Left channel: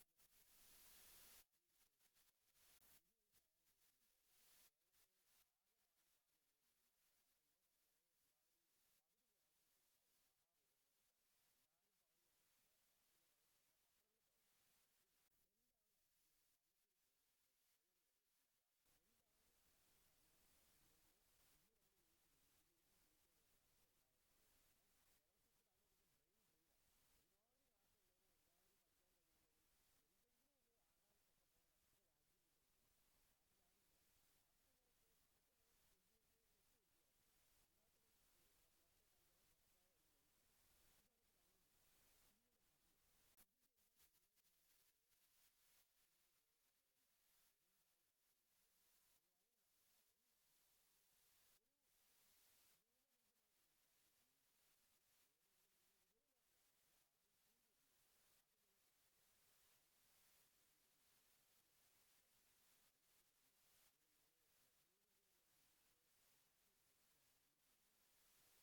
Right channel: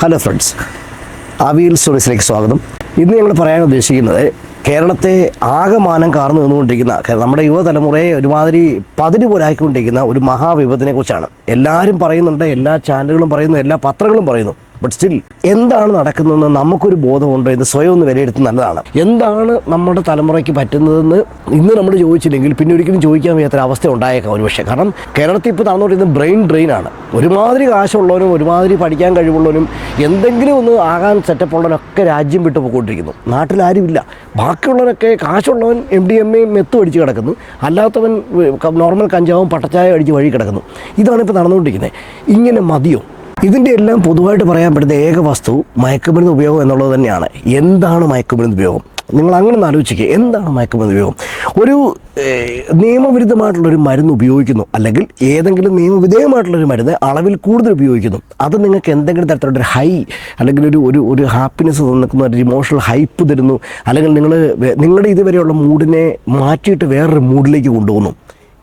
Hello friends avial സ്റ്റോറീസിലേക്ക് സ്വാഗതം. ഇന്ന് ഞങ്ങൾ പറയാൻ ഉദ്ദേശിക്കുന്നത് കേരളത്തെ ആകമാനം കാർന്നു നിന്നുകൊണ്ടിരിക്കുന്ന നമ്മുടെ യുവതലമുറയെ ഒരുമാതിരി പതിര് പോലാക്കിക്കൊണ്ടിരിക്കുന്ന ഒരു മഹാവിപത്തിനെ കുറിച്ചാണ്. എല്ലാവരും പറയുന്നുണ്ട് എല്ലാ ചാനലുകളും പറയുന്നു എല്ലാ പത്രങ്ങളും പറയുന്നു. ബട്ട് സ്റ്റിൽ എന്താണ് നടക്കുന്നതെന്ന് നമുക്കൊരു ബോധമുണ്ടോ? എന്ന് സ്വയം ഒന്ന് വിലയിരുത്തി നല്ലതാണ്. എന്താണ് നമ്മുടെ തലമുറയ്ക്ക് പറ്റുന്നതെന്ന് ഇന്ന് നമ്മൾ ചോദിച്ചില്ലെങ്കിൽ പിന്നെ ഒരിക്കലും ചോദിക്കാൻ വയ്യാത്ത അവസ്ഥ ഉണ്ടായേക്കാം ഒരുപക്ഷെ. കാരണം കേരളത്തിൽ ഇപ്പോൾ നടന്നുകൊണ്ടിരുന്ന ബ്രെയിൻ ഡ്രെയിൻ ആണ്. ഒരുമാതിരി കാശുള്ളവനും ഒരുമാതിരി പഠിക്കാൻ കഴിവുള്ളവനും എന്തെങ്കിലും ഒന്ന് ആകാൻ സെറ്റപ്പ് ഉള്ളവനൊക്കെ രാജ്യം വിട്ടു പോയിക്കൊണ്ടിരിക്കുന്നു. നാട്ടിലാരുമില്ല ബാക്കിയുള്ളവരൊക്കെ കാശുള്ളവൻ എം ഡി എം എയും മെത്ത് അടിച്ച് കിടക്കുന്നു. അല്ലാത്തവൻ നോർമൽ കഞ്ചാവും പട്ടച്ചായ അടിച്ച് വഴി കിടക്കുന്നു. ഇതാണ് ഇപ്പോൾ നടന്നുകൊണ്ടിരിക്കുന്നത്. ഇങ്ങനെ മതിയോ? ഇതിന്റെ എല്ലാം പൊതുവായിട്ട് പറയാൻ പറ്റുന്ന ഏക വസ്തു മയക്കുമരുന്ന് ഉപയോഗം എന്നുള്ളത് തന്നെയാണ്. എന്താണ് മയക്കുമരുന്ന് ഉപയോഗം? നിങ്ങൾ അങ്ങനെ ഒന്ന് ആലോചിക്കുക എന്താണ് മയക്കുമരുന്ന് ഉപയോഗം? ഒരു നിയമവിരുദ്ധമായിട്ടുള്ളൊരു മരുന്ന് ഉപയോഗിക്കുന്നു. അല്ലെങ്കിൽ ഏതെങ്കിലും നിയമവിധേയമായിട്ടുള്ളൊരു മരുന്ന് അളവിൽ കൂടുതൽ ഉപയോഗിക്കുന്നു. അത് നിങ്ങൾക്ക് എന്തെങ്കിലും തരത്തിലുള്ള ഒരു ഹൈ അല്ലെങ്കിൽ ഒരു ഒരു ഒരു ഹാപ്പിനെസ് നിൽക്കുന്ന ഒരു ഇമോഷണൽ ഹൈപ്പ് തരുന്നു. അല്ലെങ്കിൽ നിങ്ങൾ നിങ്ങളുടെ ഇതുവരെയുള്ള മൂഡിനെ മാറ്റിയിട്ട് വേറൊരു മൂഡിലേക്ക് കൊണ്ടുപോകുന്നു.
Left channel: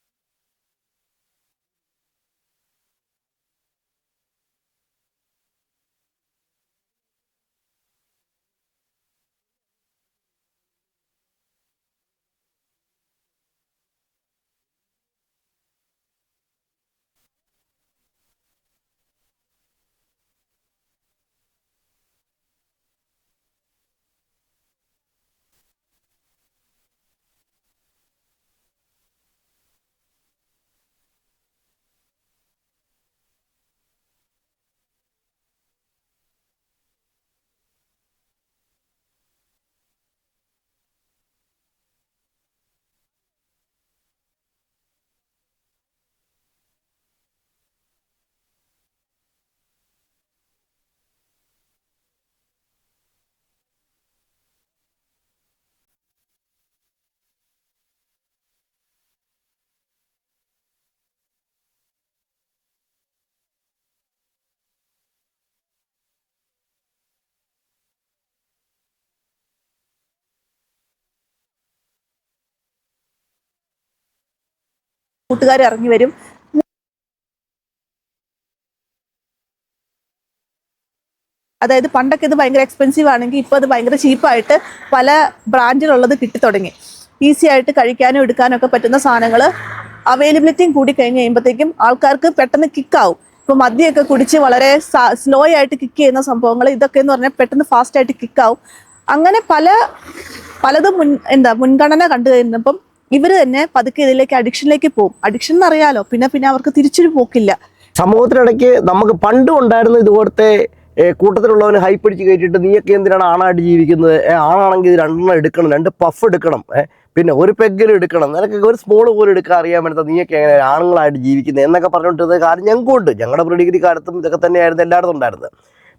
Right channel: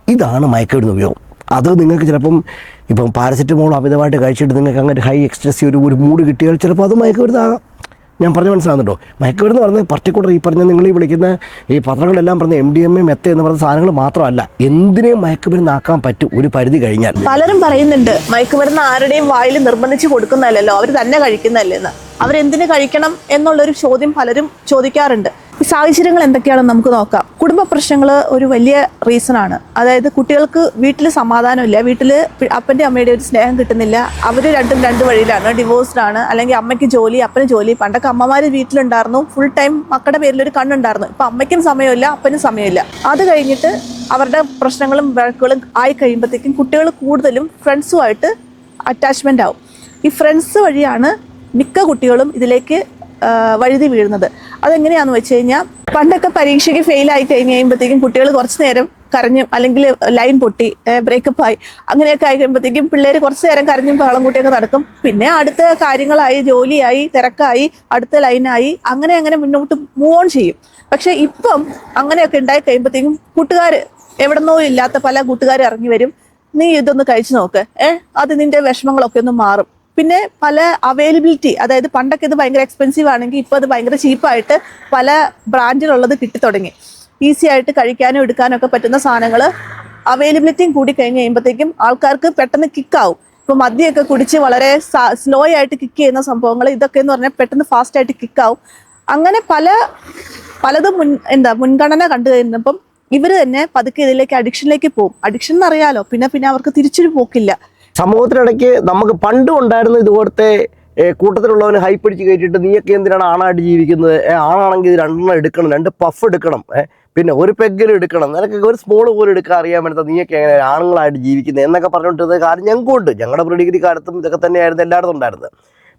ഇതാണ് മയക്കുമരുന്ന് ഉപയോഗം. അത് നിങ്ങൾക്ക് ചിലപ്പം ഇപ്പം പാരസെറ്റമോൾ അമിതമായിട്ട് കഴിച്ചിട്ട് നിങ്ങൾക്ക് അങ്ങനെ ഹൈ എക്സ്ട്രസി ഒരു ഒരു മൂഡ് കിട്ടിയാൽ ചിലപ്പോൾ അത് മയക്കുമരുന്നാകാം. ഞാൻ പറഞ്ഞ മനസ്സിലാകുന്നുണ്ടോ മയക്കുമരുന്ന് പറഞ്ഞ പർട്ടിക്കുലർ ഈ പറഞ്ഞ നിങ്ങൾ ഈ വിളിക്കുന്ന ഈ പത്രങ്ങളെല്ലാം പറഞ്ഞ എം ഡി എം എ മെത്ത എന്ന് പറഞ്ഞ സാധനങ്ങൾ മാത്രമല്ല എന്തിനേയും മയക്കുമരുന്നാക്കാൻ പറ്റും? ഒരു പരിധി കഴിഞ്ഞാൽ. പലരും പറയുന്നുണ്ട് മയക്കുമരുന്ന് ആരുടെയും വായിൽ നിർബന്ധിച്ച് കൊടുക്കുന്നതല്ലല്ലോ അവർ തന്നെ കഴിക്കുന്നതല്ലെന്ന് അവരെന്തിനു കഴിക്കണം എന്നുള്ളൊരു ചോദ്യം പലരും ചോദിക്കാറുണ്ട്. ഈ സാഹചര്യങ്ങൾ എന്തൊക്കെയാണെന്ന് നമുക്ക് നോക്കാം. കുടുംബ പ്രശ്നങ്ങൾ ഒരു വലിയ റീസൺ ആണ്. അതായത് കുട്ടികൾക്ക് വീട്ടിൽ സമാധാനമില്ല വീട്ടിൽ അപ്പന്റെ അമ്മയുടെ ഒരു സ്നേഹം കിട്ടുന്നില്ല. അവർ രണ്ടും രണ്ട് വഴിയിലാണ്. ഡിവോഴ്സ്ഡാണ് അല്ലെങ്കിൽ അമ്മയ്ക്ക് ജോലി അപ്പന് ജോലി. പണ്ടൊക്കെ അമ്മമാർ വീട്ടിലുണ്ടായിരുന്നു. ഫുൾ ടൈം മക്കളുടെ പേരിൽ ഒരു കണ്ണുണ്ടായിരുന്നു. ഇപ്പം അമ്മയ്ക്കും സമയമില്ല അപ്പനും സമയമില്ല. അത് കഴിഞ്ഞിട്ട് അവരുടെ പ്രശ്നങ്ങളും വഴക്കുകളും ആയി കഴിയുമ്പോഴത്തേക്കും കുട്ടികൾ കൂടുതലും ഫ്രണ്ട്സുമായിട്ട് അറ്റാച്ച്മെന്റ് ആവും. ഈ ഫ്രണ്ട്സ് വഴിയാണ് മിക്ക കുട്ടികളും ഇതിലേക്ക് വഴുതി വീഴുന്നത്. അതെങ്ങനെയാന്ന് വെച്ച് കഴിഞ്ഞാൽ പണ്ടൊക്കെ പരീക്ഷയ്ക്ക് ഫെയിൽ ആയി കഴിഞ്ഞ് കഴിയുമ്പോഴത്തേക്കും കുട്ടികൾ കുറച്ച് നേരം കരഞ്ഞും അല്ലെങ്കിൽ ലൈൻ പൊട്ടി ബ്രേക്കപ്പ് ആയി അങ്ങനെയൊക്കെ ആയി കഴിയുമ്പോഴത്തേക്കും പിള്ളേർ കുറച്ച് നേരം കരഞ്ഞും ബഹളം കൂട്ടിയൊക്കെ നടക്കും. പിന്നെ അടുത്ത കാര്യങ്ങളായി ജോലിയായി തിരക്കായി അടുത്ത ലൈനായി അങ്ങനെ അങ്ങനെ മുന്നോട്ട് മൂവ് ഓൺ ചെയ്യും. പക്ഷെ ഇപ്പം അങ്ങനെയൊക്കെ ഉണ്ടായി കഴിയുമ്പോഴത്തേക്കും കൂട്ടുകാർ എവിടെന്നോ ഇല്ലാത്ത പല കൂട്ടുകാർ ഇറങ്ങി വരും. നീ ഇതൊന്ന് കഴിച്ചു നോക്ക്. ഏഹ് അത് നിന്റെ വിഷമങ്ങളൊക്കെ ഒന്ന് മാറും. പിന്നെ പല അവൈലബിലിറ്റി അതായത് പണ്ടൊക്കെ ഇത് ഭയങ്കര എക്സ്പെൻസീവ് ആണെങ്കിൽ ഇപ്പോൾ അത് ഭയങ്കര ചീപ്പായിട്ട് പല ബ്രാൻഡിലുള്ളത് കിട്ടി തുടങ്ങി. ഈസി ആയിട്ട് കഴിക്കാനും എടുക്കാനും ഒക്കെ പറ്റുന്ന സാധനങ്ങൾ അവൈലബിലിറ്റിയും കൂടി കഴിഞ്ഞ് കഴിയുമ്പോഴത്തേക്കും ആൾക്കാർക്ക് പെട്ടെന്ന് കിക്കാവും ഇപ്പോൾ മദ്യമൊക്കെ കുടിച്ച് വളരെ സ്ലോ ആയിട്ട് കിക്ക് ചെയ്യുന്ന സംഭവങ്ങൾ ഇതൊക്കെ എന്ന് പറഞ്ഞാൽ പെട്ടെന്ന് ഫാസ്റ്റ് ആയിട്ട് കിക്കാവും അങ്ങനെ പല പലതും മുൻ എന്താ മുൻഗണന കണ്ടു കഴിഞ്ഞപ്പം ഇവർ തന്നെ പതുക്കെ ഇതിലേക്ക് അഡിക്ഷനിലേക്ക് പോകും. അഡിക്ഷൻ എന്നറിയാലോ പിന്നെ പിന്നെ അവർക്ക് തിരിച്ചൊരു പോക്കില്ല. സമൂഹത്തിനിടയ്ക്ക് നമുക്ക് പണ്ടും ഉണ്ടായിരുന്ന ഇതുപോലത്തെ കൂട്ടത്തിലുള്ളവന് ഹൈ പിടിച്ച് കയറ്റിയിട്ട് നീയൊക്കെ എന്തിനാണ് ആണായിട്ട് ജീവിക്കുന്നത്? ആണാണെങ്കിൽ ഇത് രണ്ടെണ്ണം എടുക്കണം രണ്ട് പഫ് എടുക്കണം പിന്നെ ഒരു പെഗ്ഗിൽ എടുക്കണം. നിനക്കൊക്കെ ഒരു സ്മോൾ പോലും എടുക്കാൻ അറിയാൻ വേണ്ടത് നീയൊക്കെ എങ്ങനെ ആണുങ്ങളായിട്ട് ജീവിക്കുന്നത് എന്നൊക്കെ പറഞ്ഞുകൊണ്ടിരുന്ന കാര്യം ഞങ്ങൾക്കും ഉണ്ട് ഞങ്ങളുടെ പ്രീഡിഗ്രി കാലത്തും ഇതൊക്കെ തന്നെയായിരുന്നു എല്ലായിടത്തും ഉണ്ടായിരുന്നത്.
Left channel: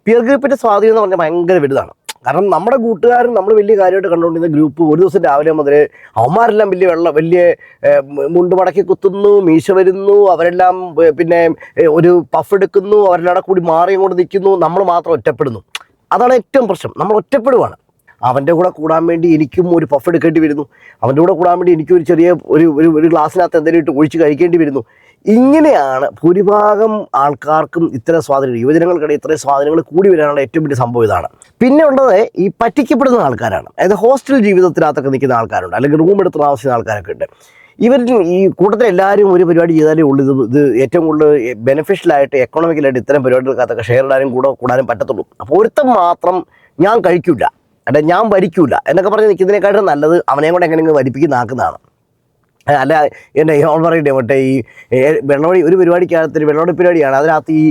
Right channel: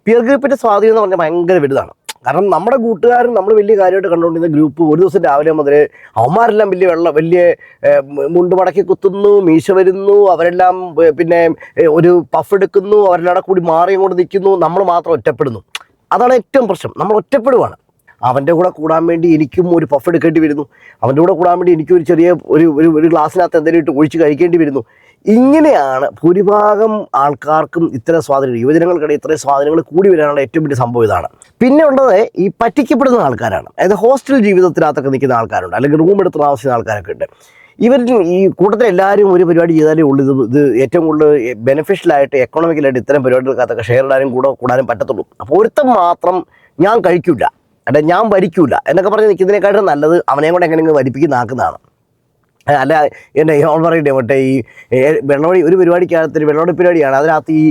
പിയർ ഗ്രൂപ്പിന്റെ സ്വാധീനം എന്ന് പറഞ്ഞാൽ ഭയങ്കര വലുതാണ്. കാരണം നമ്മുടെ കൂട്ടുകാരും നമ്മൾ വലിയ കാര്യമായിട്ട് കണ്ടുകൊണ്ടിരുന്ന ഗ്രൂപ്പ് ഒരു ദിവസം രാവിലെ മുതൽ അവന്മാരെല്ലാം വലിയ വെള്ളം വലിയ മുണ്ടുമടക്കി മുണ്ട് മടക്കി കുത്തുന്നു മീശ വരുന്നു അവരെല്ലാം പിന്നെ ഒരു പഫ് എടുക്കുന്നു അവരെല്ലാം കൂടി മാറിയും കൊണ്ട് നിൽക്കുന്നു നമ്മൾ മാത്രം ഒറ്റപ്പെടുന്നു. അതാണ് ഏറ്റവും പ്രശ്നം. നമ്മൾ ഒറ്റപ്പെടുവാണ്. അവന്റെ കൂടെ കൂടാൻ വേണ്ടി എനിക്കും ഒരു പഫ് എടുക്കേണ്ടി വരുന്നു. അവന്റെ കൂടെ കൂടാൻ വേണ്ടി എനിക്കും ഒരു ചെറിയ ഒരു ഒരു ഗ്ലാസ്സിനകത്ത് എന്തെങ്കിലും ഇട്ട് ഒഴിച്ച് കഴിക്കേണ്ടി വരുന്നു. ഇങ്ങനെയാണ് ഭൂരിഭാഗം ആൾക്കാർക്കും ഇത്തരം സ്വാധീനം യുവജനങ്ങൾക്കിടയിൽ ഇത്രയും സ്വാധീനങ്ങൾ കൂടി വരാനുള്ള ഏറ്റവും വലിയ സംഭവം ഇതാണ്. പിന്നെ ഉള്ളത് ഈ പറ്റിക്കപ്പെടുന്ന ആൾക്കാരാണ്. അതായത് ഹോസ്റ്റൽ ജീവിതത്തിനകത്തൊക്കെ നിൽക്കുന്ന ആൾക്കാരുണ്ട് അല്ലെങ്കിൽ റൂം എടുത്ത് താമസിക്കുന്ന ആൾക്കാരൊക്കെ ഉണ്ട്. ഇവർ ഈ കൂട്ടത്തിൽ എല്ലാവരും ഒരു പരിപാടി ചെയ്താലേ ഉള്ളൂ. ഇത് ഇത് ഏറ്റവും കൂടുതൽ ബെനിഫിഷ്യലായിട്ട് എക്കണോമിക്കലായിട്ട് ഇത്തരം പരിപാടികൾക്കകത്തൊക്കെ ഷെയർ ഇടാനും കൂടെ കൂടാനും പറ്റത്തുള്ളൂ. അപ്പോൾ ഒരുത്തം മാത്രം ഞാൻ കഴിക്കില്ല അല്ലെ ഞാൻ ഭരിക്കൂല എന്നൊക്കെ പറഞ്ഞ് നിൽക്കുന്നതിനേക്കാട്ടും നല്ലത് അവനെയും കൂടെ എങ്ങനെയെങ്കിലും വരിപ്പിക്കുന്നാക്കുന്നതാണ് ഏ, അല്ല എന്റെ ഓൺ പറയട്ടെ മറ്റേ ഈ വെള്ളവടി ഒരു പരിപാടിക്കകത്ത് വെള്ളമടി പരിപാടിയാണ്. അതിനകത്ത് ഈ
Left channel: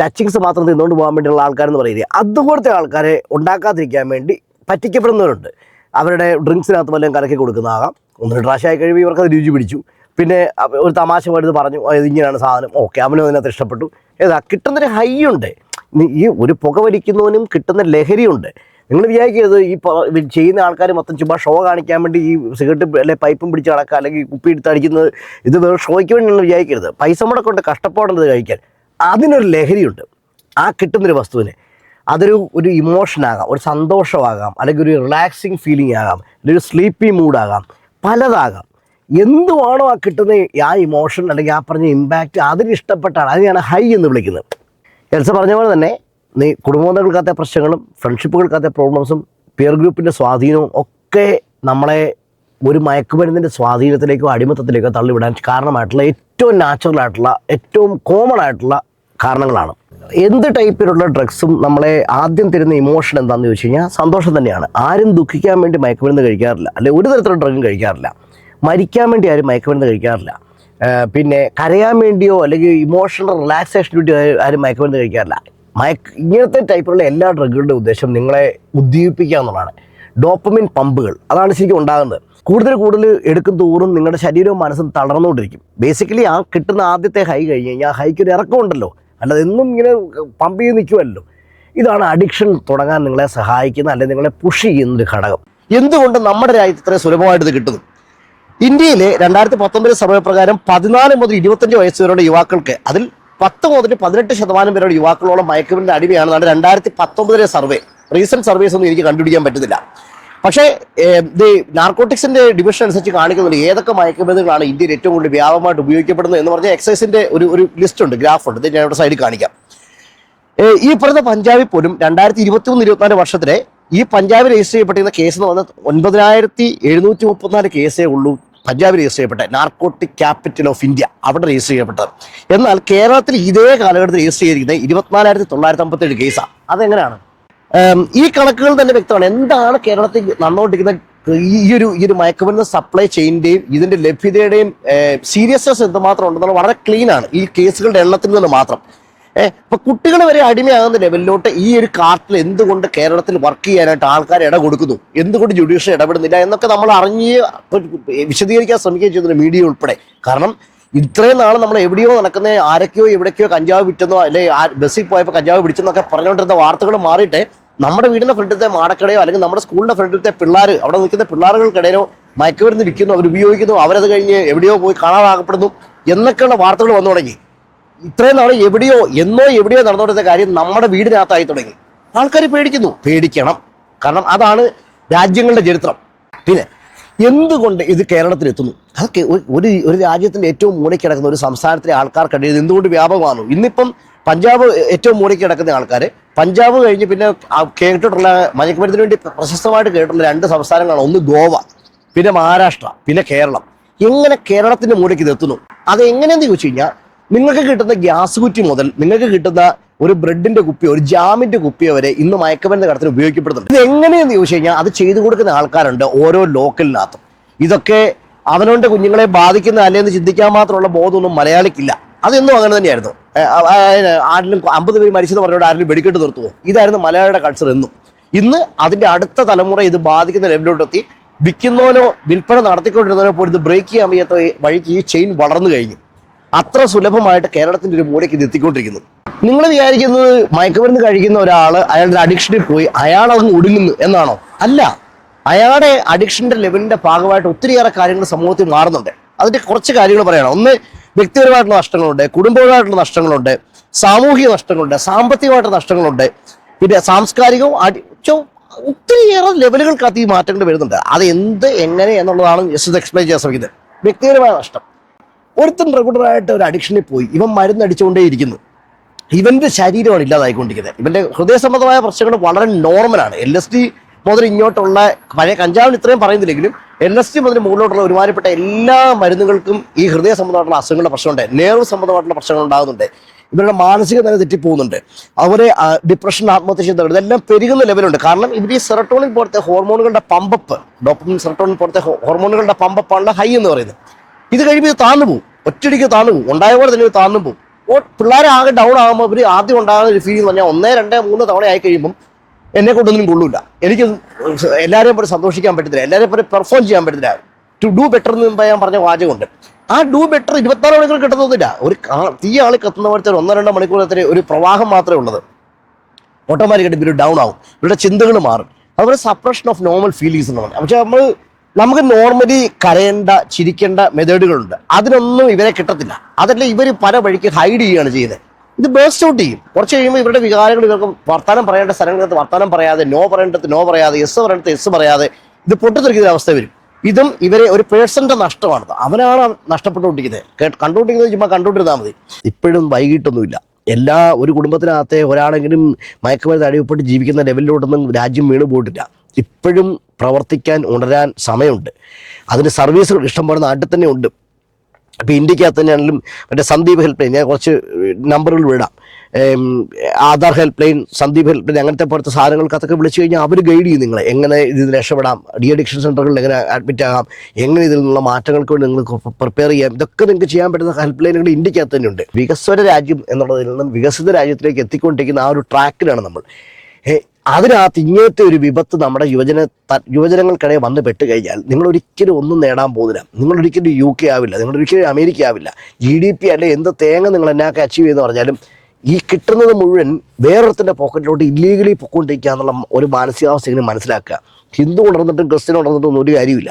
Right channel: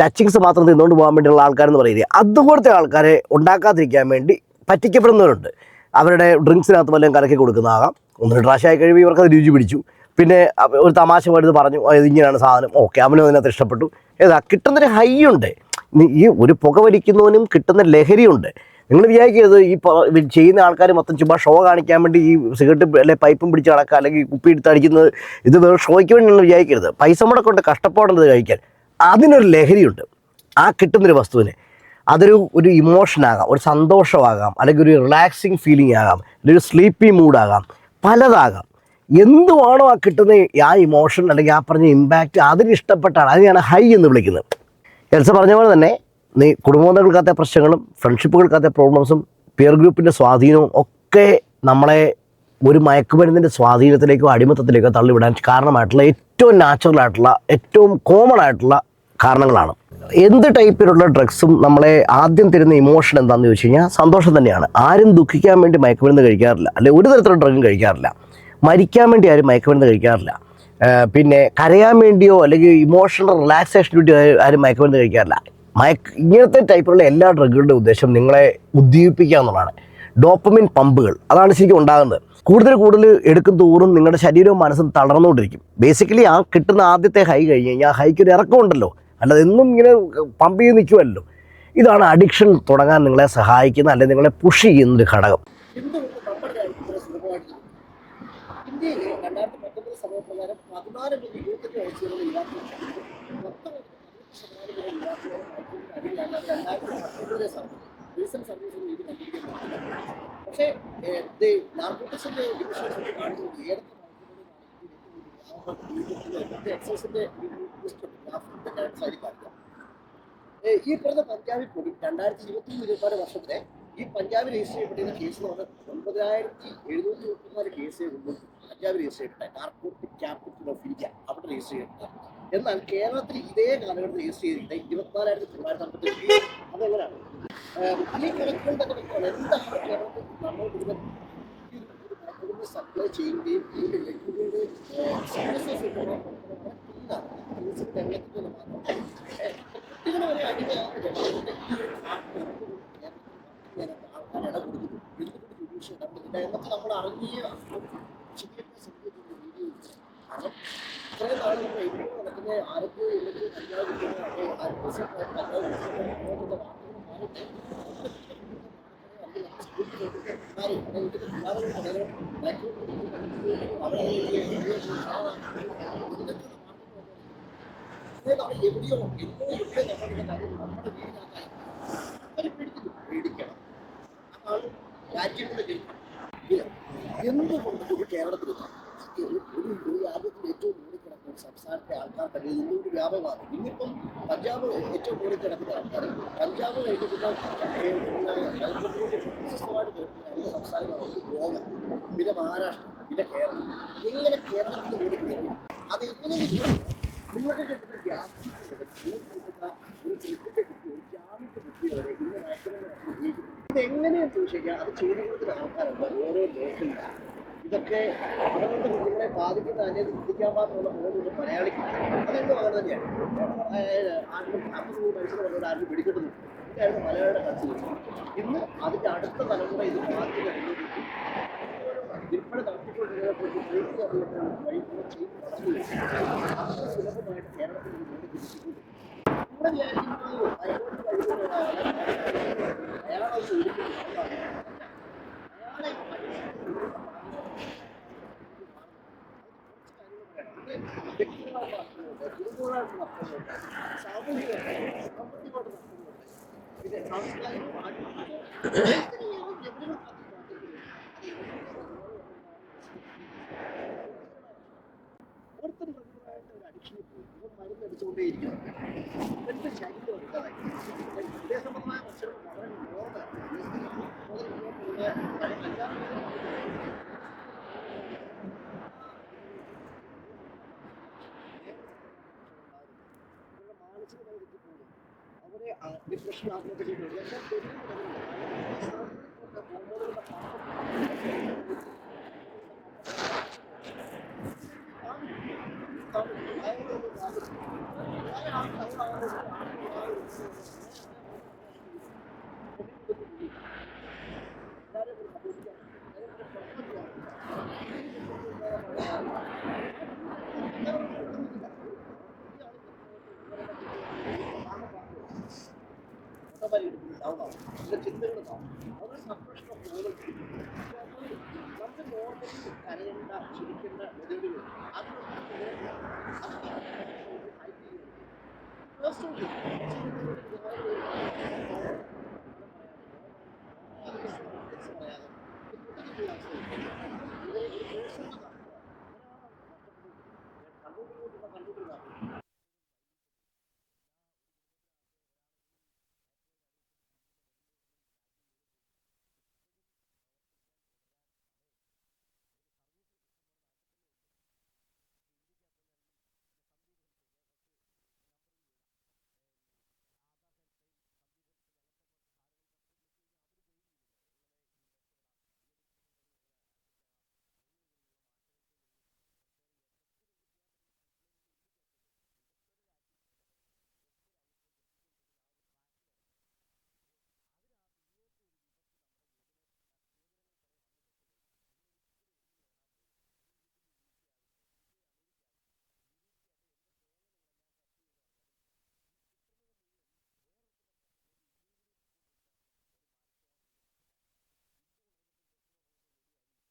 ടച്ചിങ്സ് മാത്രം തിന്നുകൊണ്ട് പോകാൻ വേണ്ടിയുള്ള ആൾക്കാരെന്ന് പറയുന്നത്. അതുപോലത്തെ ആൾക്കാരെ ഉണ്ടാക്കാതിരിക്കാൻ വേണ്ടി പറ്റിക്കപ്പെടുന്നവരുണ്ട്. അവരുടെ ഡ്രിങ്ക്സിനകത്ത് വല്ലതും കലക്കി കൊടുക്കുന്നതാകാം. ഒന്ന് ഡ്രാഷായി കഴിവ് ഇവർക്ക് അത് രുചി പിടിച്ചു. പിന്നെ ഒരു തമാശ പോയിട്ട് പറഞ്ഞു ഇതിങ്ങനെയാണ് സാധനം. ഓക്കെ അവനും അതിനകത്ത് ഇഷ്ടപ്പെട്ടു. ഏതാ കിട്ടുന്നൊരു ഹൈ ഉണ്ട് ഈ ഒരു പുക വലിക്കുന്നവനും കിട്ടുന്ന ലഹരിയുണ്ട്. നിങ്ങൾ വിചാരിക്കരുത് ഈ ചെയ്യുന്ന ആൾക്കാർ മൊത്തം ചുമ്മാ ഷോ കാണിക്കാൻ വേണ്ടി ഈ സിഗരറ്റ് അല്ലെ പൈപ്പും പിടിച്ച് നടക്കുക അല്ലെങ്കിൽ കുപ്പി എടുത്ത് അടിക്കുന്നത് ഇത് വേറെ ഷോയ്ക്ക് വേണ്ടി നിങ്ങൾ വിചാരിക്കരുത്. പൈസ മുടക്കൊണ്ട് കഷ്ടപ്പാടുന്നത് കഴിക്കാൻ. അതിനൊരു ലഹരിയുണ്ട്. ആ കിട്ടുന്നൊരു വസ്തുവിന് അതൊരു ഒരു ഇമോഷനാകാം ഒരു സന്തോഷമാകാം അല്ലെങ്കിൽ ഒരു റിലാക്സിങ് ഫീലിംഗ് ആകാം അല്ലെങ്കിൽ ഒരു സ്ലീപ്പി മൂഡാകാം പലതാകാം. എന്തുവാണോ ആ കിട്ടുന്ന ആ ഇമോഷൻ അല്ലെങ്കിൽ ആ പറഞ്ഞ ഇമ്പാക്റ്റ് അതിന് ഇഷ്ടപ്പെട്ടാണ്. അതിനെയാണ് ഹൈ എന്ന് വിളിക്കുന്നത്. എൽസ പറഞ്ഞ പോലെ തന്നെ നീ കുടുംബങ്ങൾക്കകത്ത പ്രശ്നങ്ങളും ഫ്രണ്ട്ഷിപ്പുകൾക്കകത്തെ പ്രോബ്ലംസും പിയർ ഗ്രൂപ്പിന്റെ സ്വാധീനവും ഒക്കെ നമ്മളെ ഒരു മയക്കുമരുന്നിന്റെ സ്വാധീനത്തിലേക്കോ അടിമത്തത്തിലേക്കോ തള്ളിവിടാൻ കാരണമായിട്ടുള്ള ഏറ്റവും നാച്ചുറൽ ആയിട്ടുള്ള ഏറ്റവും കോമൺ ആയിട്ടുള്ള കാരണങ്ങളാണ്. എന്ത് ടൈപ്പിലുള്ള ഡ്രഗ്സും നമ്മളെ ആദ്യം തരുന്ന ഇമോഷൻ എന്താണെന്ന് ചോദിച്ചു കഴിഞ്ഞാൽ സന്തോഷം തന്നെയാണ്. ആരും ദുഃഖിക്കാൻ വേണ്ടി മയക്കുമരുന്ന് കഴിക്കാറില്ല. അല്ലെ ഒരു തരത്തിലുള്ള ഡ്രഗും കഴിക്കാറില്ല. മരിക്കാൻ വേണ്ടി ആരും മയക്കുമരുന്ന് കഴിക്കാറില്ല. പിന്നെ കരയാൻ വേണ്ടിയോ അല്ലെങ്കിൽ ഇമോഷണൽ റിലാക്സേഷന് വേണ്ടിയോ ആരും മയക്കുമരുന്ന് കഴിക്കാറില്ല. മയക്ക് ഇങ്ങനത്തെ ടൈപ്പിലുള്ള എല്ലാ ഡ്രഗുകളുടെ ഉദ്ദേശം നിങ്ങളെ ഉദ്ദീപിപ്പിക്കുക എന്നുള്ളതാണ്. ഡോപ്പമിൻ പമ്പുകൾ അതാണ് ശരിക്കും ഉണ്ടാകുന്നത്. കൂടുതൽ കൂടുതൽ എടുക്കും തോറും നിങ്ങളുടെ ശരീരവും മനസ്സും തളർന്നുകൊണ്ടിരിക്കും. ബേസിക്കലി ആ കിട്ടുന്ന ആദ്യത്തെ ഹൈ കഴിഞ്ഞ് കഴിഞ്ഞാൽ ആ ഹൈക്ക് ഒരു ഇറക്കമുണ്ടല്ലോ അല്ലാതെ എന്നും ഇങ്ങനെ പമ്പ് ചെയ്ത് നിൽക്കുമല്ലോ ഇതാണ് അഡിക്ഷൻ തുടങ്ങാൻ നിങ്ങളെ സഹായിക്കുന്ന അല്ലെങ്കിൽ നിങ്ങളെ പുഷ് ചെയ്യുന്ന ഒരു ഘടകം. എന്തുകൊണ്ട് നമ്മുടെ രാജ്യത്ത് ഇത്രയും സുലഭമായിട്ട് ഇത് കിട്ടുന്നു? ഇന്ത്യയിലെ രണ്ടായിരത്തി പത്തൊമ്പത് സർവേ പ്രകാരം പതിനാല് മുതൽ ഇരുപത്തഞ്ച് വയസ്സ് വരെയുള്ള യുവാക്കൾക്ക് അതിൽ പത്ത് മുതൽ പതിനെട്ട് ശതമാനം പേരുടെ യുവാക്കളോളം മയക്കുമരുന്നിന്റെ അടിമയാണെന്നാണ് രണ്ടായിരത്തി പത്തൊമ്പതിലെ സർവേ. റീസെന്റ് സർവേസ് ഒന്നും എനിക്ക് കണ്ടുപിടിക്കാൻ പറ്റുന്നില്ല. പക്ഷേ നാർക്കോട്ടിക്സിന്റെ ഡിവിഷൻ അനുസരിച്ച് കാണിക്കുന്നുണ്ട് ഏതൊക്കെ മയക്കുമരുന്നുകളാണ് ഇന്ത്യയിൽ ഏറ്റവും കൂടുതൽ വ്യാപകമായിട്ട് ഉപയോഗിക്കപ്പെടുന്നത് എന്ന് പറഞ്ഞാൽ എക്സൈസിന്റെ ഒരു ഒരു ലിസ്റ്റ് ഉണ്ട് ഗ്രാഫ് ഉണ്ട്. ഞാൻ ഇവിടെ സൈഡിൽ കാണിക്കാം. ഈ പറഞ്ഞ പഞ്ചാബിൽ പോലും രണ്ടായിരത്തി ഇരുപത്തി മൂന്ന് ഇരുപത്തിനാല് വർഷത്തിലെ ഈ പഞ്ചാബിൽ രജിസ്റ്റർ ചെയ്യപ്പെട്ടിരുന്ന കേസ് എന്ന് പറഞ്ഞാൽ ഒൻപതിനായിരത്തി എഴുന്നൂറ്റി മുപ്പത്തിനാല് കേസേ ഉള്ളൂ. പഞ്ചാബിൽ രജിസ്റ്റർ ചെയ്യപ്പെട്ട നാർക്കോട്ടിക് ക്യാപിറ്റൽ ഓഫ് ഇന്ത്യ അവിടെ രജിസ്റ്റർ ചെയ്യപ്പെട്ടത്. എന്നാൽ കേരളത്തിൽ ഇതേ കാലഘട്ടത്തിൽ രജിസ്റ്റർ ചെയ്തിരിക്കുന്നത് ഇരുപത്തിനാലായിരത്തി തൊള്ളായിരത്തി അമ്പത്തേഴ് കേസാണ് അതെങ്ങനെയാണ് ഈ കണക്കുകൾ തന്നെ വ്യക്തമാണ്. എന്താണ് കേരളത്തിൽ നടന്നുകൊണ്ടിരിക്കുന്ന ഈ ഒരു ഈ ഒരു മയക്കുമരുന്ന് സപ്ലൈ ചെയിന്റെയും ഇതിന്റെ ലഭ്യതയുടെയും സീരിയസ്നെസ് എന്തുമാത്രം ഉണ്ടെന്നുള്ള വളരെ ക്ലീൻ ആണ്. ഈ കേസുകളുടെ എണ്ണത്തിൽ നിന്ന് മാത്രം. ഏഹ് ഇപ്പൊ കുട്ടികൾ വരെ അടിമയാകുന്ന ലെവലിലോട്ട് ഈ ഒരു കാർട്ടിൽ എന്തുകൊണ്ട് കേരളത്തിൽ വർക്ക് ചെയ്യാനായിട്ട് ആൾക്കാർ ഇട കൊടുക്കുന്നു? എന്തുകൊണ്ട് ജുഡീഷ്യൽ ഇടപെടുന്നില്ല എന്നൊക്കെ നമ്മൾ അറിഞ്ഞ് വിശദീകരിക്കാൻ ശ്രമിക്കുകയും ചെയ്യുന്നു മീഡിയ ഉൾപ്പെടെ. കാരണം ഇത്രയും നാൾ നമ്മൾ എവിടെയോ നടക്കുന്ന ആരൊക്കെയോ എവിടേക്കോ കഞ്ചാവ് വിറ്റെന്നോ അല്ലെ ബസ്സിൽ പോയപ്പോൾ കഞ്ചാവ് പിടിച്ചെന്നൊക്കെ പറഞ്ഞുകൊണ്ടിരുന്ന വാർത്തകൾ മാറിയിട്ട് നമ്മുടെ വീടിന്റെ ഫ്രണ്ടിലത്തെ മാടക്കടയോ അല്ലെങ്കിൽ നമ്മുടെ സ്കൂളിന്റെ ഫ്രണ്ടിലത്തെ പിള്ളേർ അവിടെ നിൽക്കുന്ന പിള്ളേരുകൾക്കിടയിലോ മയക്കുമരുന്ന് വിൽക്കുന്നു അവർ ഉപയോഗിക്കുന്നു അവരത് കഴിഞ്ഞ് എവിടെയോ പോയി കാണാതാകപ്പെടുന്നു എന്നൊക്കെയുള്ള വാർത്തകൾ വന്നു തുടങ്ങി. ഇത്രയും നാൾ എവിടെയോ എന്നോ എവിടെയോ നടന്നുകൊണ്ടിരുന്ന കാര്യം നമ്മുടെ വീടിനകത്തായി തുടങ്ങി. ആൾക്കാർ പേടിക്കുന്നു. പേടിക്കണം. കാരണം അതാണ് രാജ്യങ്ങളുടെ ചരിത്രം. പിന്നെ എന്തുകൊണ്ട് ഇത് കേരളത്തിൽ എത്തുന്നു അതൊക്കെ ഒരു- ഒരു രാജ്യത്തിന്റെ ഏറ്റവും മൂടി കിടക്കുന്ന ഒരു സംസ്ഥാനത്തിലെ ആൾക്കാർക്കിടയിൽ എന്തുകൊണ്ട് വ്യാപകമാണു ഇന്നിപ്പം പഞ്ചാബ് ഏറ്റവും മൂടി കിടക്കുന്ന ആൾക്കാർ പഞ്ചാബ് കഴിഞ്ഞ് പിന്നെ കേട്ടിട്ടുള്ള മയക്കുമരുന്നിന് വേണ്ടി പ്രശസ്തമായിട്ട് കേട്ടിട്ടുള്ള രണ്ട് സംസ്ഥാനങ്ങളാണ് ഒന്ന് ഗോവ പിന്നെ മഹാരാഷ്ട്ര പിന്നെ കേരളം. എങ്ങനെ കേരളത്തിന്റെ മൂലയ്ക്ക് ഇത് എത്തുന്നു അത് എങ്ങനെയെന്ന് ചോദിച്ചു കഴിഞ്ഞാൽ നിങ്ങൾക്ക് കിട്ടുന്ന ഗ്യാസ് കുറ്റി മുതൽ നിങ്ങൾക്ക് കിട്ടുന്ന ഒരു ബ്രെഡിന്റെ കുപ്പിയോ ഒരു ജാമിന്റെ കുപ്പിയോ വരെ ഇന്ന് മയക്കമരുന്ന് കടത്തിന് ഉപയോഗിക്കപ്പെടുന്നുണ്ട്. ഇത് എങ്ങനെയെന്ന് ചോദിച്ചു കഴിഞ്ഞാൽ അത് ചെയ്തു കൊടുക്കുന്ന ആൾക്കാരുണ്ട് ഓരോ ലോക്കലിനകത്തും. ഇതൊക്കെ അവനോണ്ട് കുഞ്ഞുങ്ങളെ ബാധിക്കുന്ന അല്ലേന്ന് ചിന്തിക്കാൻ മാത്രമുള്ള ബോധമൊന്നും മലയാളിക്കില്ല. അതെന്നും അങ്ങനെ തന്നെയായിരുന്നു. ആരിലും അമ്പത് പേര് മരിച്ചെന്ന് പറഞ്ഞോട് ആരിലും വെടിക്കെട്ട് നിർത്തുമോ ഇതായിരുന്നു മലയാളിയുടെ കൾച്ചർ എന്നും. ഇന്ന് അതിന്റെ അടുത്ത തലമുറ ഇത് ബാധിക്കുന്ന ലെവലിലോട്ടെത്തി. വിൽക്കുന്നവനോ വിൽപ്പന നടത്തിക്കൊണ്ടിരുന്നവനോ പോലും ഇത് ബ്രേക്ക് ചെയ്യാൻ വയ്യാത്ത വഴിക്ക് ഈ ചെയിൻ വളർന്നു കഴിഞ്ഞു. അത്ര സുലഭമായിട്ട് കേരളത്തിന്റെ ഒരു മൂലയ്ക്ക് ഇത് എത്തിക്കൊണ്ടിരിക്കുന്നു. നിങ്ങൾ വിചാരിക്കുന്നത് മയക്കുമരുന്ന് കഴിക്കുന്ന ഒരാൾ അയാളുടെ അഡിക്ഷനിൽ പോയി അയാൾ അങ്ങ് ഒടുങ്ങുന്നു എന്നാണോ? അല്ല. അയാളുടെ അഡിക്ഷന്റെ ലെവലിന്റെ ഭാഗമായിട്ട് ഒത്തിരിയേറെ കാര്യങ്ങൾ സമൂഹത്തിൽ മാറുന്നുണ്ട്. അതിന്റെ കുറച്ച് കാര്യങ്ങൾ പറയണം. ഒന്ന് വ്യക്തിപരമായിട്ടുള്ള നഷ്ടങ്ങളുണ്ട് കുടുംബപരമായിട്ടുള്ള നഷ്ടങ്ങളുണ്ട് സാമൂഹിക നഷ്ടങ്ങളുണ്ട് സാമ്പത്തികമായിട്ടുള്ള നഷ്ടങ്ങളുണ്ട്. പിന്നെ സാംസ്കാരികവും ഒത്തിരിയേറെ ലെവലുകൾക്കകത്ത് ഈ മാറ്റങ്ങൾ വരുന്നുണ്ട്. അത് എന്ത് എങ്ങനെ എന്നുള്ളതാണ് ജസ്റ്റ് എക്സ്പ്ലെയിൻ ചെയ്യാൻ ശ്രമിക്കുന്നത്. വ്യക്തിപരമായ നഷ്ടം. ഒരുത്തൻ റെഗുലറായിട്ട് ഒരു അഡിക്ഷനിൽ പോയി. ഇവൻ മരുന്ന് അടിച്ചുകൊണ്ടേയിരിക്കുന്നു. ഇവന്റെ ശരീരമാണ് ഇല്ലാതായിക്കൊണ്ടിരിക്കുന്നത്. ഇവന്റെ ഹൃദയ സംബന്ധമായ പ്രശ്നങ്ങൾ വളരെ നോർമലാണ് എൽ എസ് ഡി മുതൽ ഇങ്ങോട്ടുള്ള പഴയ കഞ്ചാവിന് ഇത്രയും പറയുന്നില്ലെങ്കിലും എൽ എസ് ഡി മുതൽ മുകളിലോട്ടുള്ള ഒരുമാതിരിപ്പെട്ട എല്ലാ മരുന്നുകൾക്കും ഈ ഹൃദയ സംബന്ധമായിട്ടുള്ള അസുഖങ്ങളുടെ പ്രശ്നമുണ്ട്. നേർവ് സംബന്ധമായിട്ടുള്ള പ്രശ്നങ്ങൾ ഉണ്ടാകുന്നുണ്ട്. ഇവരുടെ മാനസിക നില തെറ്റിപ്പോകുന്നുണ്ട് അവരെ ഡിപ്രഷൻ ആത്മഹത്യ ചെയ്യുന്നവർ ഇതെല്ലാം പെരുകുന്ന ലെവലുണ്ട് കാരണം ഇവർ ഈ സെറട്ടോണിൻ പോലത്തെ ഹോർമോണുകളുടെ പമ്പപ്പ് ഡോപ്പമിൻ സെറട്ടോണിൻ പോലത്തെ ഹോർമോണുകളുടെ പമ്പപ്പാണ് ഹൈ എന്ന് പറയുന്നത്. ഇത് കഴിയുമ്പോൾ ഇത് താഴ്ന്നു പോകും. ഒറ്റടിക്ക് താഴ്ന്നു പോകും. ഉണ്ടായ പോലെ തന്നെ ഇത് താന്നു പോകും. അപ്പോൾ പിള്ളേരെ ആകെ ഡൗൺ ആകുമ്പോൾ ഇവർ ആദ്യം ഉണ്ടാകുന്ന ഒരു ഫീൽ എന്ന് പറഞ്ഞാൽ ഒന്നേ രണ്ടേ മൂന്ന് തവണ ആയി കഴിയുമ്പം എന്നെ കൊണ്ടൊന്നും കൊള്ളൂല. എനിക്ക് എല്ലാവരെയും പോലെ സന്തോഷിക്കാൻ പറ്റത്തില്ല. എല്ലാവരെയും പോലെ പെർഫോം ചെയ്യാൻ പറ്റത്തില്ല. ടു ഡു ബെറ്റർ എന്ന് ഞാൻ പറഞ്ഞ വാചകമുണ്ട്. ആ ഡു ബെറ്റർ ഇരുപത്താറ് മണിക്കൂർ കിട്ടുന്നൊന്നുമില്ല ഒരു തീ ആൾ കത്തുന്ന പോലത്തെ ഒന്നോ രണ്ടോ മണിക്കൂറത്തെ ഒരു പ്രവാഹം മാത്രമേ ഉള്ളത്. ഓട്ടോമാറ്റിക്കായിട്ട് ഇവർ ഡൗൺ ആവും. ഇവരുടെ ചിന്തകൾ മാറും. അതുപോലെ സപ്രഷൻ ഓഫ് നോർമൽ ഫീലിങ്സ് എന്ന് പറഞ്ഞാൽ. പക്ഷേ നമ്മൾ നമുക്ക് നോർമലി കരയേണ്ട ചിരിക്കേണ്ട മെത്തേഡുകളുണ്ട് അതിനൊന്നും ഇവരെ കിട്ടത്തില്ല. അതല്ല ഇവർ പല വഴിക്ക് ഹൈഡ് ചെയ്യുകയാണ് ചെയ്യുന്നത്. ഇത് ബേസ്റ്റ് ഔട്ട് ചെയ്യും. കുറച്ച് കഴിയുമ്പോൾ ഇവരുടെ വികാരങ്ങൾ ഇവർക്ക് വർത്താനം പറയേണ്ട സ്ഥലങ്ങൾക്ക് വർത്താനം പറയാതെ നോ പറയേണ്ടത് നോ പറയാതെ എസ് പറയേണ്ടത് എസ് പറയാതെ ഇത് പൊട്ടിത്തെറിക്കുന്ന അവസ്ഥ വരും. ഇതും ഇവരെ ഒരു പേഴ്സന്റെ നഷ്ടമാണ്. അവനാണ് നഷ്ടപ്പെട്ടുകൊണ്ടിരിക്കുന്നത്. കണ്ടുകൊണ്ടിരിക്കുന്നത് ചുമ്മാ കണ്ടുകൊണ്ടിരുന്നാൽ മതി. ഇപ്പോഴും വൈകിട്ടൊന്നുമില്ല. എല്ലാ ഒരു കുടുംബത്തിനകത്തെ ഒരാളെങ്കിലും മയക്കുമരുന്ന് അടിവപ്പെട്ട് ജീവിക്കുന്ന ലെവലിലോട്ടൊന്നും രാജ്യം വീണ് പോയിട്ടില്ല ഇപ്പോഴും പ്രവർത്തിക്കാൻ ഉണരാൻ സമയമുണ്ട്. അതിന് സർവീസുകൾ ഇഷ്ടംപോലെ നാട്ടിൽ തന്നെ ഉണ്ട്. ഇപ്പോൾ ഇന്ത്യക്കകത്ത് തന്നെയാണെങ്കിലും മറ്റേ സന്ദീപ് ഹെൽപ്പ് ലൈൻ ഞാൻ കുറച്ച് നമ്പറുകൾ വിടാം. Aadhaar help line Sandeep help line അങ്ങനത്തെ പോലത്തെ സാധനങ്ങൾക്കകത്തൊക്കെ വിളിച്ചു കഴിഞ്ഞാൽ അവർ ഗൈഡ് ചെയ്യും നിങ്ങളെ. എങ്ങനെ ഇതിൽ രക്ഷപ്പെടാം ഡി അഡിക്ഷൻ സെന്ററുകളിൽ എങ്ങനെ അഡ്മിറ്റ് ആകാം എങ്ങനെ ഇതിൽ നിന്നുള്ള മാറ്റങ്ങൾക്ക് വേണ്ടി നിങ്ങൾക്ക് പ്രിപ്പയർ ചെയ്യാം. ഇതൊക്കെ നിങ്ങൾക്ക് ചെയ്യാൻ പറ്റുന്ന ഹെൽപ്പ് ലൈനുകൾ ഇന്ത്യക്കകത്ത് തന്നെയുണ്ട് വികസ്വര രാജ്യം എന്നുള്ളതിൽ നിന്നും വികസിത രാജ്യത്തിലേക്ക് എത്തിക്കൊണ്ടിരിക്കുന്ന ആ ഒരു ട്രാക്കിലാണ് നമ്മൾ. അതിനകത്ത് ഇങ്ങനത്തെ ഒരു വിപത്ത് നമ്മുടെ യുവജന യുവജനങ്ങൾക്കിടയിൽ വന്ന് പെട്ട് കഴിഞ്ഞാൽ നിങ്ങൾ ഒരിക്കലും ഒന്നും നേടാൻ പോകുന്നില്ല. നിങ്ങൾ ഒരിക്കലും യു കെ ആവില്ല. നിങ്ങൾ ഒരിക്കലും അമേരിക്ക ആവില്ല. ജി ഡി പി അല്ലെ എന്ത് തേങ്ങ നിങ്ങൾ എന്നാക്കെ അച്ചീവ് ചെയ്യുന്ന പറഞ്ഞാലും ഈ കിട്ടുന്നത് മുഴുവൻ വേറൊരുത്തിന്റെ പോക്കറ്റിലോട്ട് ഇല്ലീഗലി പൊക്കോണ്ടിരിക്കുക എന്നുള്ള ഒരു മാനസികാവസ്ഥ ഇങ്ങനെ മനസ്സിലാക്കുക. ഹിന്ദു ഉണർന്നിട്ടും ക്രിസ്ത്യൻ ഉണർന്നിട്ടും ഒരു കാര്യമില്ല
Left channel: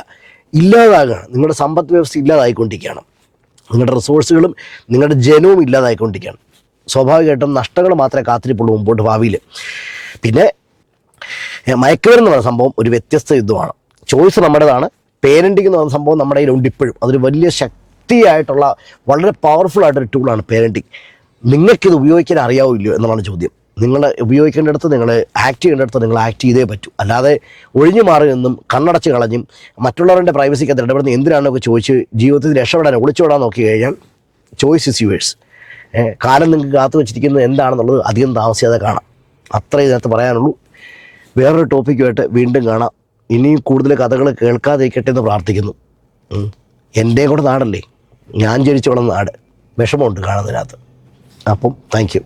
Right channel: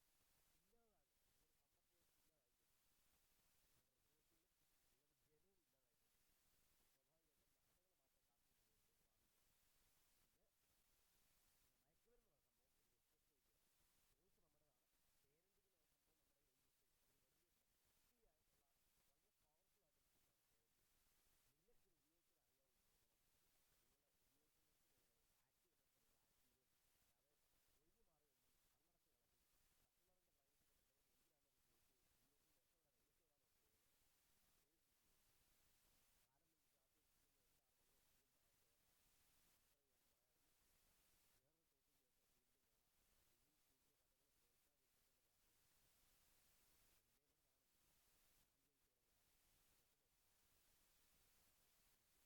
ഇല്ലാതാകുകയാണ് നിങ്ങളുടെ സമ്പദ് വ്യവസ്ഥ ഇല്ലാതായിക്കൊണ്ടിരിക്കുകയാണ്. നിങ്ങളുടെ റിസോഴ്സുകളും നിങ്ങളുടെ ജനവും ഇല്ലാതായിക്കൊണ്ടിരിക്കുകയാണ്. സ്വാഭാവികമായിട്ടും നഷ്ടങ്ങൾ മാത്രമേ കാത്തിരിപ്പുള്ളൂ മുമ്പോട്ട് ഭാവിയിൽ. പിന്നെ മയക്കുമരുന്ന് പറയുന്ന സംഭവം ഒരു വ്യത്യസ്ത യുദ്ധമാണ് ചോയ്സ് നമ്മുടേതാണ് പേരന്റിംഗ് എന്ന് പറയുന്ന സംഭവം നമ്മുടെ കയ്യിലുണ്ട് ഇപ്പോഴും. അതൊരു വലിയ ശക്തിയായിട്ടുള്ള വളരെ പവർഫുൾ ആയിട്ടൊരു ടൂളാണ് പേരന്റിങ് നിങ്ങൾക്കിത് ഉപയോഗിക്കാൻ അറിയാവോ ഇല്ലയോ എന്നുള്ളതാണ് ചോദ്യം. നിങ്ങൾ ഉപയോഗിക്കേണ്ടിടത്ത് നിങ്ങൾ ആക്ട് ചെയ്യേണ്ടിടത്ത് നിങ്ങൾ ആക്ട് ചെയ്തേ പറ്റൂ. അല്ലാതെ ഒഴിഞ്ഞു മാറി നിന്നും കണ്ണടച്ച് കളഞ്ഞും മറ്റുള്ളവരുടെ പ്രൈവസിക്കകത്ത് ഇടപെടുന്ന എന്തിനാണെന്നൊക്കെ ചോദിച്ച് ജീവിതത്തിൽ രക്ഷപ്പെടാൻ ഒളിച്ചോടാൻ നോക്കി കഴിഞ്ഞാൽ ചോയ്സ് ഇസ് യുവേഴ്സ് കാലം നിങ്ങൾക്ക് കാത്തു വെച്ചിരിക്കുന്നത് എന്താണെന്നുള്ളത് അധികം താമസിയാതെ കാണാം. അത്രേ ഇതിനകത്ത് പറയാനുള്ളൂ. വേറൊരു ടോപ്പിക്കുമായിട്ട് വീണ്ടും കാണാം. ഇനിയും കൂടുതൽ കഥകൾ കേൾക്കാതിരിക്കട്ടെ എന്ന് പ്രാർത്ഥിക്കുന്നു. എന്റെ കൂടെ നാടല്ലേ? ഞാൻ ജനിച്ചോളം നാട്. വിഷമമുണ്ട് കാണുന്നതിനകത്ത്. അപ്പം താങ്ക്